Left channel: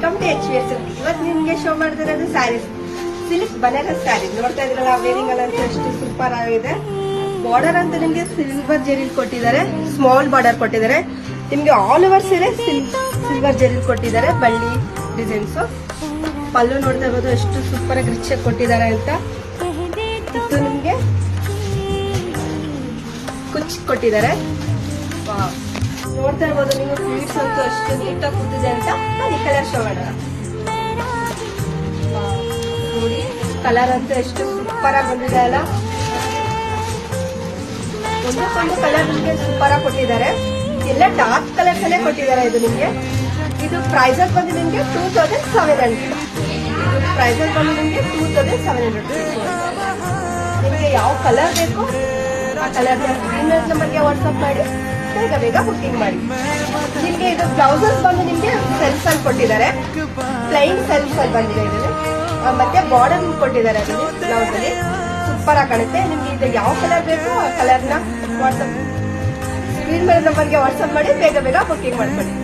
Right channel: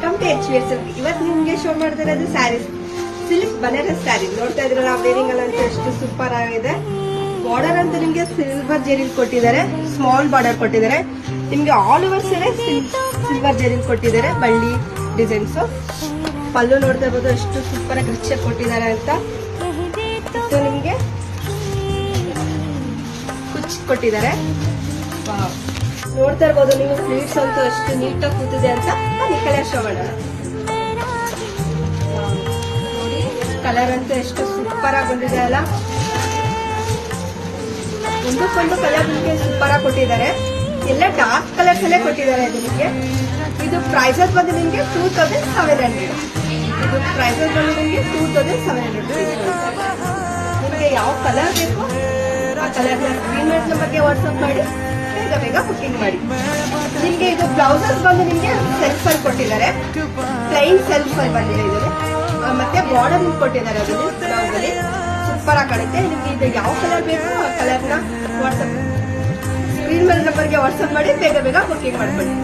Welcome to HVS. ಇವತ್ತು ನಿಮ್ಗೆ show ಮಾಡಿದಿರೋದು ಸ್ಯಾರೀಸ್, ಸಿಲ್ಕ್ ಬನಾರಸ್ ಸ್ಯಾರಿ. ನೋಡ್ತಾ ಇದ್ರಲ್ಲ ವೇರಿಂಗ್ ಎಲ್ಲ ಅಂತ ಎಷ್ಟು ಸೂಪರ್ ಆಗಿದೆ. ಬಾರ್ಡರ್ ಅಂತ ನಿಮ್ಗೆ ಸಿಲ್ವರ್ ಜೆರಿಲ್ ಕೊಟ್ಟಿದ್ದಾರೆ, ಸ್ಮಾಲ್ ಬಾರ್ಡರ್ ಕೊಟ್ಟಿದ್ದಾರೆ. ನಿಮ್ಗೆ ಆಲ್ ಓವರ್ ಸೀರೆ ಸಿಲ್ವರ್ ಜೆರಿಲ್ ಕೊಟ್ಟಿದ್ದಾರೆ, ಬಳ್ಳಿ ಡಿಸೈನ್ಸ್. ಪಲ್ಲು ನೋಡ್ತಾ ಇರ್ಬೋದು ಎಷ್ಟು ಸೂಪರ್ ಆಗಿ ರಿಚ್ ಕೊಟ್ಟಿದ್ದಾರೆ ಅಂತ. ಇದು ನಿಮ್ಗೆ ಕುಚ್ ಕೊಟ್ಟಿದ್ದಾರೆ. ನೋಡ್ತಾ ಇರ್ಬೋದು ನೀವು ಸ್ಲೀವ್ಸ್ ಅಂತೂ ಎಷ್ಟು ನೀಟಾಗಿ ಕೂತಿದೆ ಅಂತ. ಈ ಕಲರ್ ಶೋ ಮಾಡೋಣ ನೋಡಿ. ಕಲರ್ ಅಂತೂ ಎಷ್ಟು ಸೂಪರ್ ಆಗಿ ಬಂದಿದೆ ಅಲ್ಲ. ಒಂದಕ್ಕೊಂದು ಕಲರ್ ನಿಮ್ಗೆ ಸೂಪರ್ ಆಗಿ ಕೊಟ್ಟಿದ್ದಾರೆ. ಎಲ್ಲ ಡಾರ್ಕ್ ಕಲರ್ಸ್ ಅಲ್ಲೇ ಕೊಟ್ಟಿದ್ದಾರೆ. ಇದು ನಿಮ್ಗೆ ಇದು ಪ್ರೈಸಸ್ ಬಂದು ನಿಮ್ಗೆ 2700. ಇದು ಪ್ರೈಸಸ್ ಬಂದು ನಿಮ್ಗೆ 2700. ನಿಮಗೆ ಯಾವ ಕಲರ್ ಬೇಕು ಆ ಕಲರ್ ನಂಬರ್ಗೆ ವಾಟ್ಸ್ಆಪ್ ಮಾಡಿ ಬೇಗ ಬುಕಿಂಗ್ ಮಾಡಿ. ನಿಮ್ಗೆ ಇದು ಬ್ಲೌಸಸ್ ಬಂದು ನಿಮ್ಗೆ ಸೆಲ್ಫ್ ಅಲ್ಲಿ ಕೊಟ್ಟಿದ್ದಾರೆ, ಪ್ಲೈನ್ ಸೆಲ್ಫ್ ಅಲ್ಲಿ ಬಂದಿದೆ. ಮತ್ತೆ ಬಾರ್ಡರ್ ಕೊಟ್ಟಿದ್ದಾರೆ ಬ್ಲೌಸ್ ಅಲ್ಲಿ, ಸೂಪರ್ ಆಗಿ ಕಾಣುತ್ತೆ. ನಿಮ್ಗೆ ಇದು ಯಾವ ಕಲರ್ ಬೇಕು ಆ ಕಲರ್ನ ವಾಟ್ಸ್ಆಪ್ ಸ್ಕ್ರೀನ್ ಮೇಲೆ ನಂಬರ್ಗೆ ವಾಟ್ಸ್ಆಪ್ ಮಾಡಿ ಬೇಗ ಬುಕಿಂಗ್ ಮಾಡ್ಕೊಳ್ಳಿ.